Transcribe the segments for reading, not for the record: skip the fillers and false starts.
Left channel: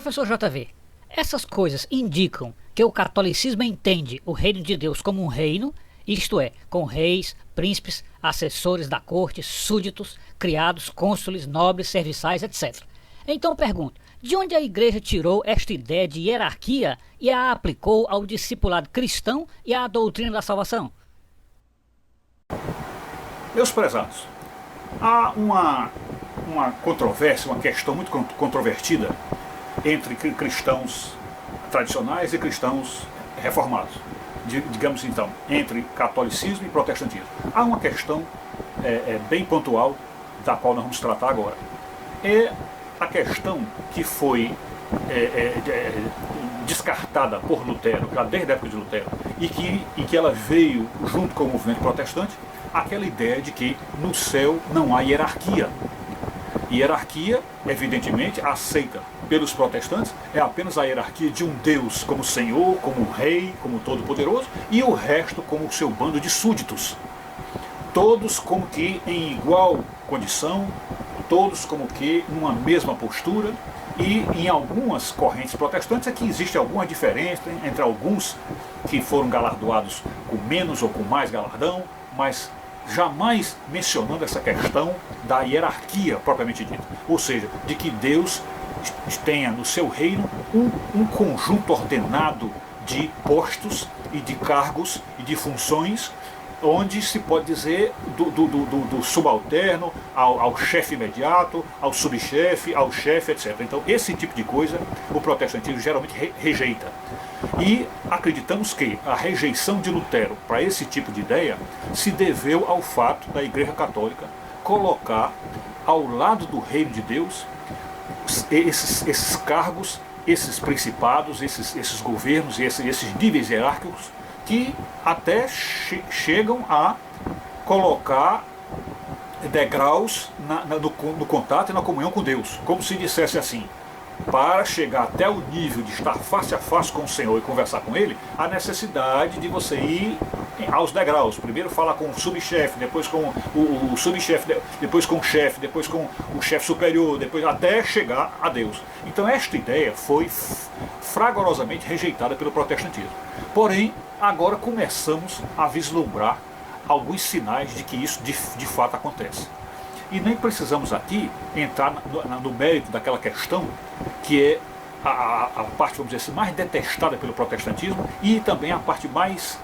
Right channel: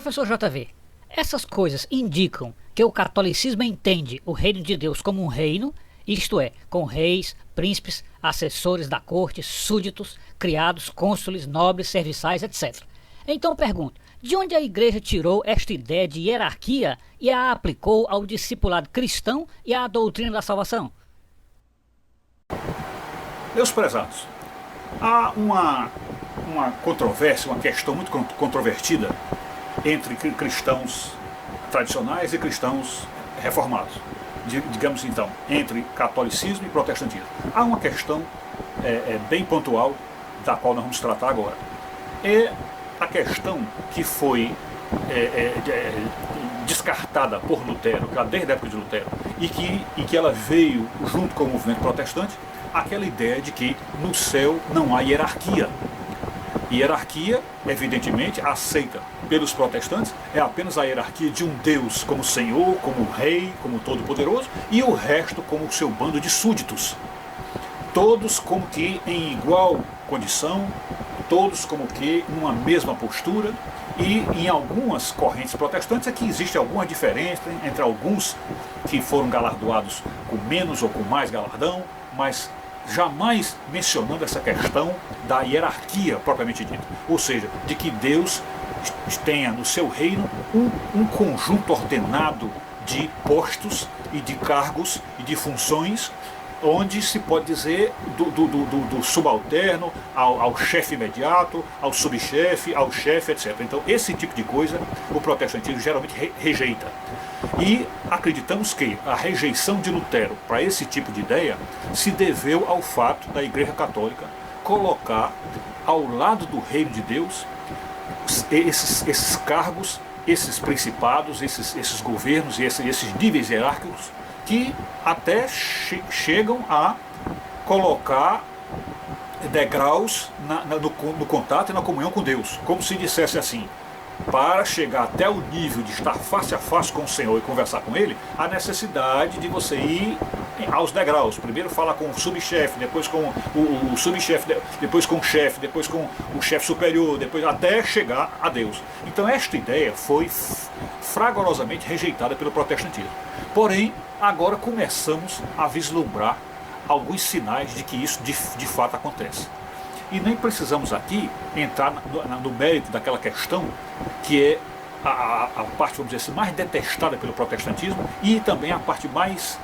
Professor JV, essas coisas indicam que o catolicismo entende o reino de Deus como um reino, isto é, com reis, príncipes, assessores da corte, súditos, criados, cônsules, nobres, serviçais, etc. Então pergunto, de onde a igreja tirou esta ideia de hierarquia e a aplicou ao discipulado cristão e à doutrina da salvação? Meus prezados, há uma controvérsia, uma questão muito controvertida entre cristãos tradicionais e cristãos reformados. Digamos então, entre catolicismo e protestantismo. Há uma questão bem pontual, da qual nós vamos tratar agora. É a questão que foi descartada por Lutero, já desde a época de Lutero, e que ela veio junto com o movimento protestante, aquela ideia de que no céu não há hierarquia. Hierarquia, evidentemente, aceita pelos protestantes, é apenas a hierarquia de um Deus como Senhor, como Rei, como Todo-Poderoso, e o resto como o seu bando de súditos. Todos como que em igual condição, todos como que numa mesma postura, e em algumas correntes protestantes é que existe alguma diferença entre alguns que foram galardoados com menos ou com mais galardão, mas jamais mencionando essa questão da hierarquia propriamente dita. Ou seja, de que Deus tenha no seu reino um conjunto ordenado de postos e de cargos e de funções, onde se pode dizer do subalterno ao chefe imediato, ao subchefe, ao chefe, etc. Então esse tipo de coisa o protestantismo geralmente rejeita. E acreditamos que a rejeição de Lutero para esse tipo de ideia se deveu ao fato da Igreja Católica colocar ao lado do reino de Deus esses cargos, esses principados, esses governos e esses níveis hierárquicos que até chegam a colocar degraus no contato e na comunhão com Deus, como se dissesse assim: para chegar até o nível de estar face a face com o Senhor e conversar com Ele, há necessidade de você ir aos degraus. Primeiro fala com o subchefe, depois com o subchefe, depois com o chefe, depois com o chefe superior, depois até chegar a Deus. Então esta ideia foi fragorosamente rejeitada pelo protestantismo. Porém, agora começamos a vislumbrar alguns sinais de que isso de fato acontece. E nem precisamos aqui entrar no mérito daquela questão que é a parte, vamos dizer assim, mais detestada pelo protestantismo e também a parte mais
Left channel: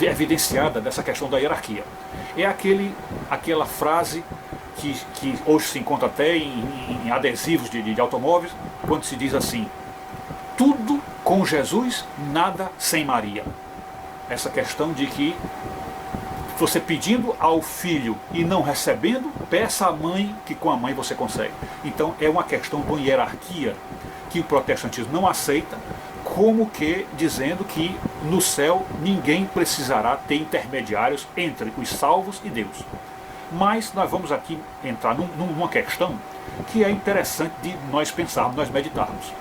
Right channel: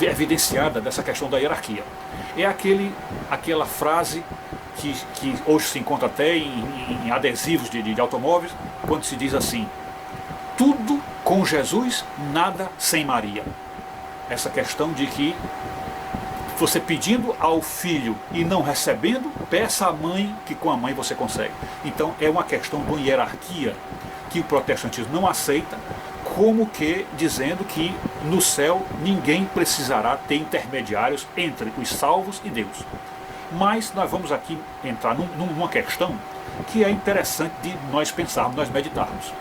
evidenciada dessa questão da hierarquia. É aquela frase que hoje se encontra até em adesivos de automóveis, quando se diz assim: tudo com Jesus, nada sem Maria. Essa questão de que você pedindo ao filho e não recebendo, peça à mãe que com a mãe você consegue. Então é uma questão de uma hierarquia que o protestantismo não aceita, como que dizendo que no céu ninguém precisará ter intermediários entre os salvos e Deus. Mas nós vamos aqui entrar numa questão que é interessante de nós pensarmos, nós meditarmos.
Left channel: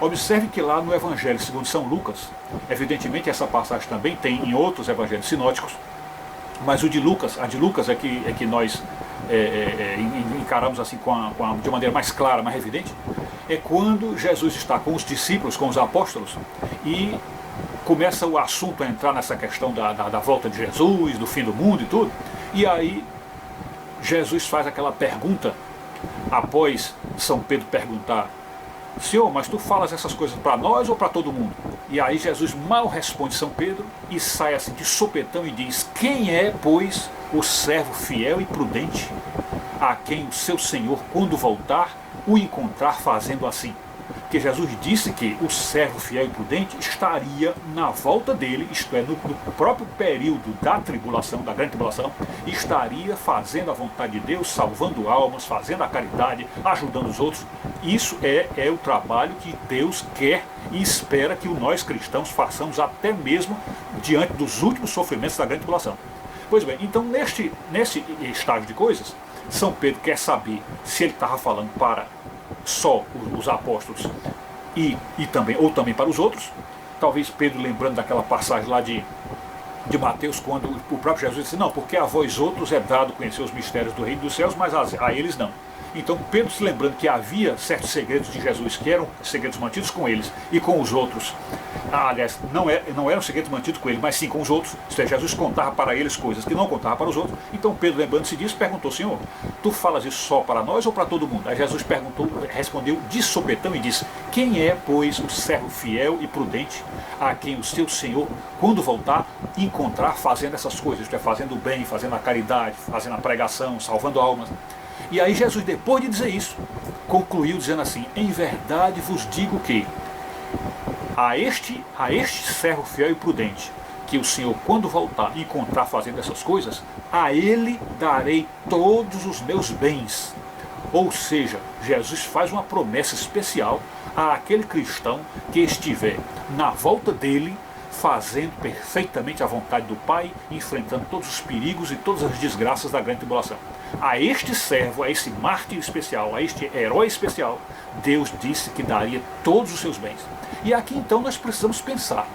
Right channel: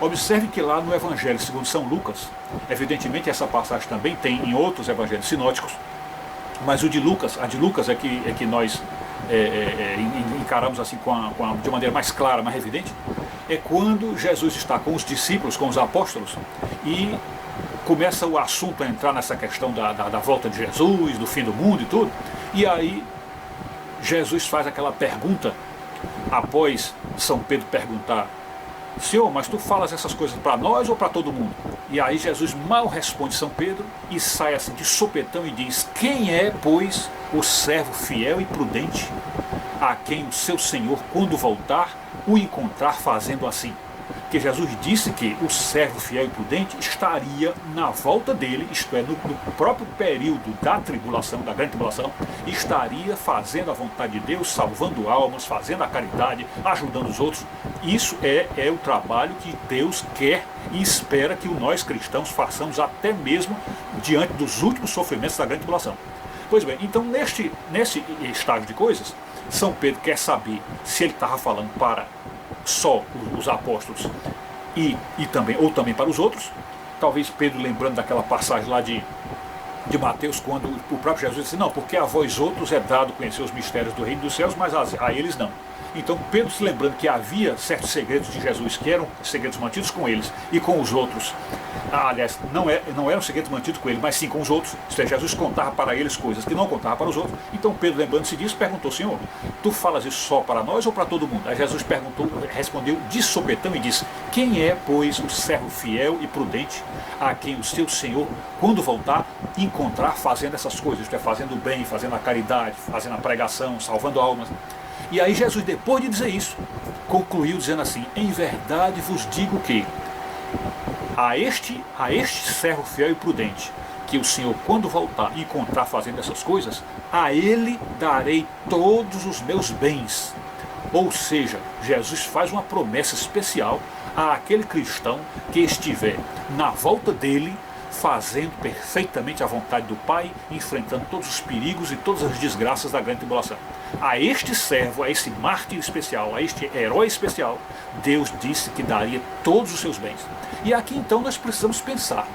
Observe que lá no Evangelho segundo São Lucas, evidentemente essa passagem também tem em outros evangelhos sinóticos, mas a de Lucas é que nós encaramos assim de uma maneira mais clara, mais evidente, é quando Jesus está com os discípulos, com os apóstolos, e começa o assunto a entrar nessa questão da volta de Jesus, do fim do mundo e tudo, e aí Jesus faz aquela pergunta, após São Pedro perguntar: Senhor, mas tu falas essas coisas para nós ou para todo mundo? E aí Jesus mal responde São Pedro e sai assim de sopetão e diz: quem é, pois, o servo fiel e prudente, a quem o seu Senhor, quando voltar, o encontrar fazendo assim? Porque Jesus disse que o servo fiel e prudente estaria na volta dele, isto é, no próprio período da tribulação, da grande tribulação, estaria fazendo a vontade de Deus, salvando almas, fazendo a caridade, ajudando os outros. Isso é o trabalho que Deus quer e espera que nós cristãos façamos até mesmo diante dos últimos sofrimentos da grande tribulação. Pois bem, então nesse estágio de coisas, São Pedro quer saber se ele estava falando para só os apóstolos ou também para os outros. Talvez Pedro lembrando daquela passagem lá de Mateus, quando o próprio Jesus disse: não, porque a vós outros é dado conhecer os mistérios do reino dos céus, mas a eles não. Então Pedro, se lembrando que havia certos segredos de Jesus que eram segredos mantidos com eles e com os outros, aliás, não eram segredos mantidos com ele, mas sim com os outros, isto é, Jesus contava para eles coisas que não contava para os outros. Então Pedro, lembrando-se disso, perguntou: Senhor, tu falas isso só para nós ou para todo mundo? Aí Jesus respondeu de sopetão e disse: quem é, pois, o servo fiel e prudente, a quem o seu Senhor, quando voltar, encontrar fazendo essas coisas, isto é, fazendo o bem, fazendo a caridade, fazendo a pregação, salvando almas? E aí Jesus, depois de dizer isso, concluiu dizendo assim: em verdade vos digo que a este servo fiel e prudente, que o Senhor, quando voltar, encontrar fazendo essas coisas, a ele darei todos os meus bens. Ou seja, Jesus faz uma promessa especial àquele cristão que estiver na volta dele, fazendo perfeitamente a vontade do Pai, enfrentando todos os perigos e todas as desgraças da grande tribulação. A este servo, a este mártir especial, a este herói especial, Deus disse que daria todos os seus bens. E aqui então nós precisamos pensar.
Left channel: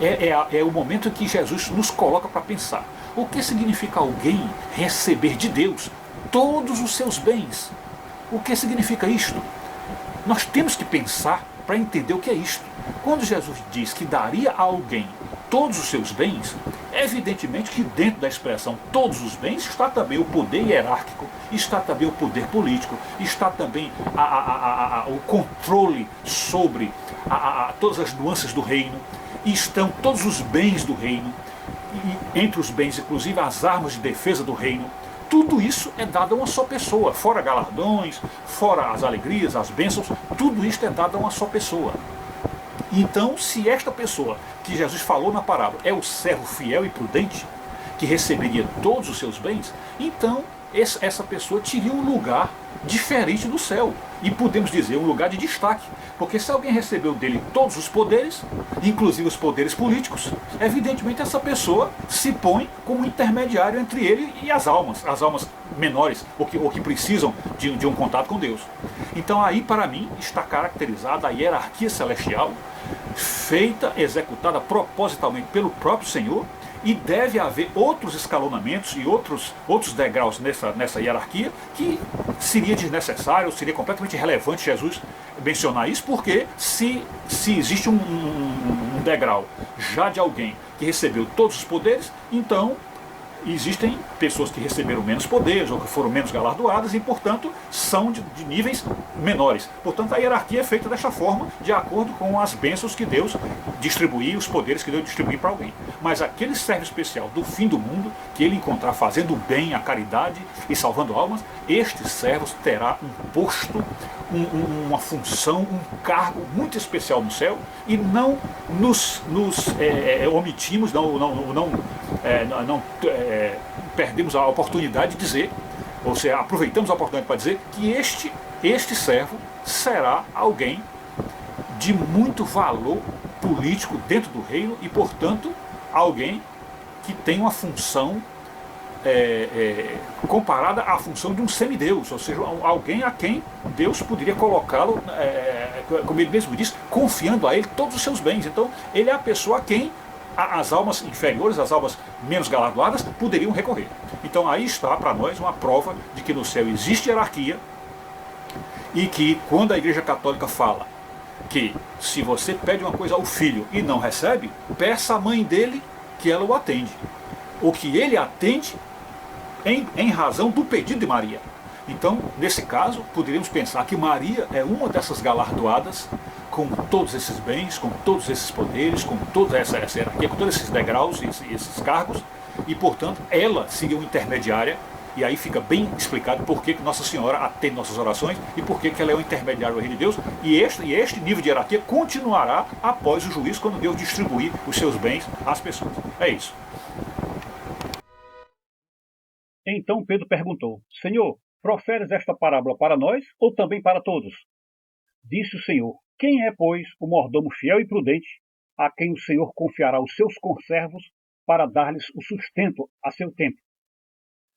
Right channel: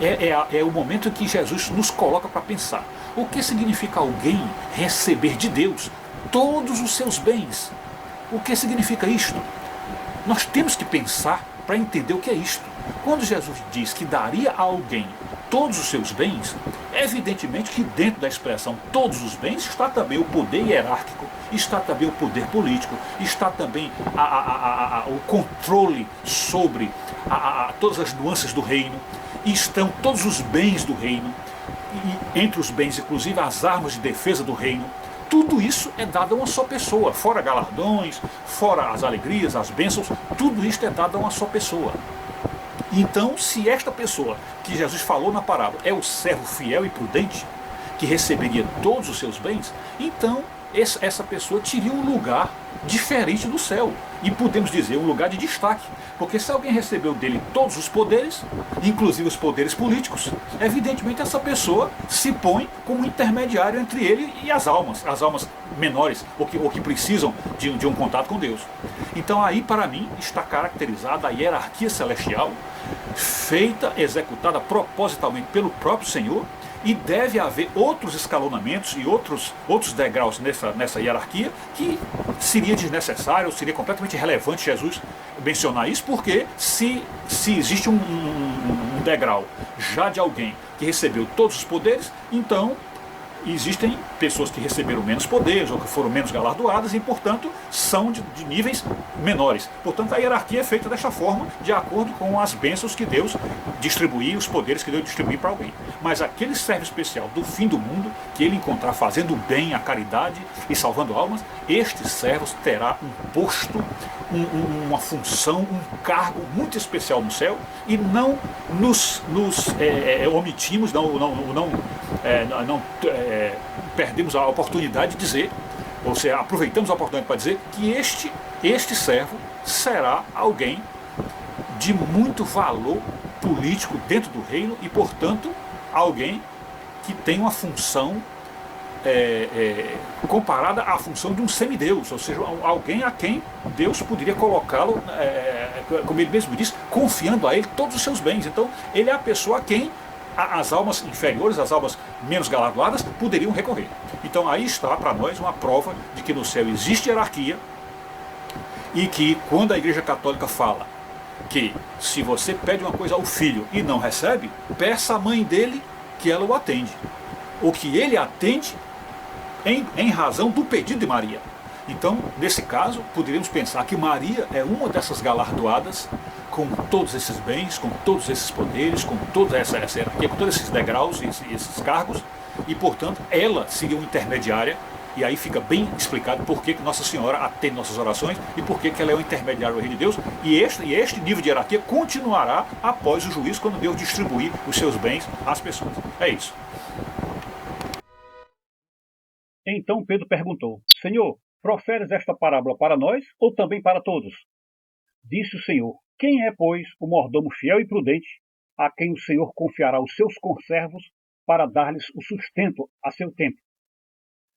É o momento em que Jesus nos coloca para pensar. O que significa alguém receber de Deus todos os seus bens? O que significa isto? Nós temos que pensar para entender o que é isto. Quando Jesus diz que daria a alguém todos os seus bens, evidentemente que dentro da expressão todos os bens está também o poder hierárquico, está também o poder político, está também o controle sobre todas as nuances do reino, estão todos os bens do reino, e entre os bens inclusive as armas de defesa do reino. Tudo isso é dado a uma só pessoa, fora galardões, fora as alegrias, as bênçãos, tudo isto é dado a uma só pessoa. Então, se esta pessoa que Jesus falou na parábola é o servo fiel e prudente, que receberia todos os seus bens, então essa pessoa teria um lugar diferente do céu. E podemos dizer um lugar de destaque. Porque se alguém recebeu dele todos os poderes, inclusive os poderes políticos, evidentemente essa pessoa se põe como intermediário entre ele e as almas menores, ou que precisam de um contato com Deus. Então aí, para mim, está caracterizada a hierarquia celestial, feita, executada propositalmente pelo próprio Senhor, e deve haver outros escalonamentos e outros degraus nessa hierarquia, que seria desnecessário, seria completamente irrelevante Jesus mencionar isso, porque se existe um degrau já de alguém que recebeu todos os poderes, então existem pessoas que receberam menos poderes ou que foram menos galardoadas e, portanto, são de níveis menores. Portanto, a hierarquia é feita desta forma, de acordo com as bênçãos que Deus distribuía, os poderes que Deus distribuía para alguém. Mas aquele servo especial do fim do mundo, que ele encontrar fazendo o bem, a caridade e salvando almas, este servo terá um posto, uma função, um cargo muito especial no céu, e não nos omitimos, perdemos a oportunidade de dizer, ou seja, aproveitamos a oportunidade para dizer que este servo será alguém de muito valor político dentro do reino e, portanto, alguém que tem uma função comparada à função de um semideus, ou seja, alguém a quem Deus poderia colocá-lo, como ele mesmo diz, confiando a ele todos os seus bens. Então, ele é a pessoa a quem as almas inferiores, as almas menos galardoadas, poderiam recorrer. Então aí está para nós uma prova de que no céu existe hierarquia, e que quando a Igreja Católica fala que se você pede uma coisa ao filho e não recebe, peça à mãe dele que ela o atende, ou que ele atende em razão do pedido de Maria. Então, nesse caso, poderíamos pensar que Maria é uma dessas galardoadas com todos esses bens, com todos esses poderes, com toda essa hierarquia, com todos esses degraus e esses cargos, e, portanto, ela seria uma intermediária, e aí fica bem explicado por que Nossa Senhora atende nossas orações e por que ela é o intermediário do reino de Deus, e este nível de hierarquia continuará após o juízo, quando Deus distribuir os seus bens às pessoas. É isso. Então Pedro perguntou: Senhor, proferes esta parábola para nós ou também para todos? Disse o Senhor: quem é, pois, o mordomo fiel e prudente, a quem o Senhor confiará os seus conservos para dar-lhes o sustento a seu tempo?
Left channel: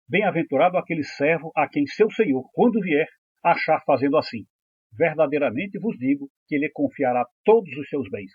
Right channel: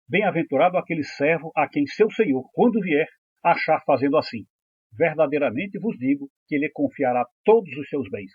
Bem-aventurado aquele servo a quem seu Senhor, quando vier, achar fazendo assim. Verdadeiramente vos digo que ele confiará todos os seus bens.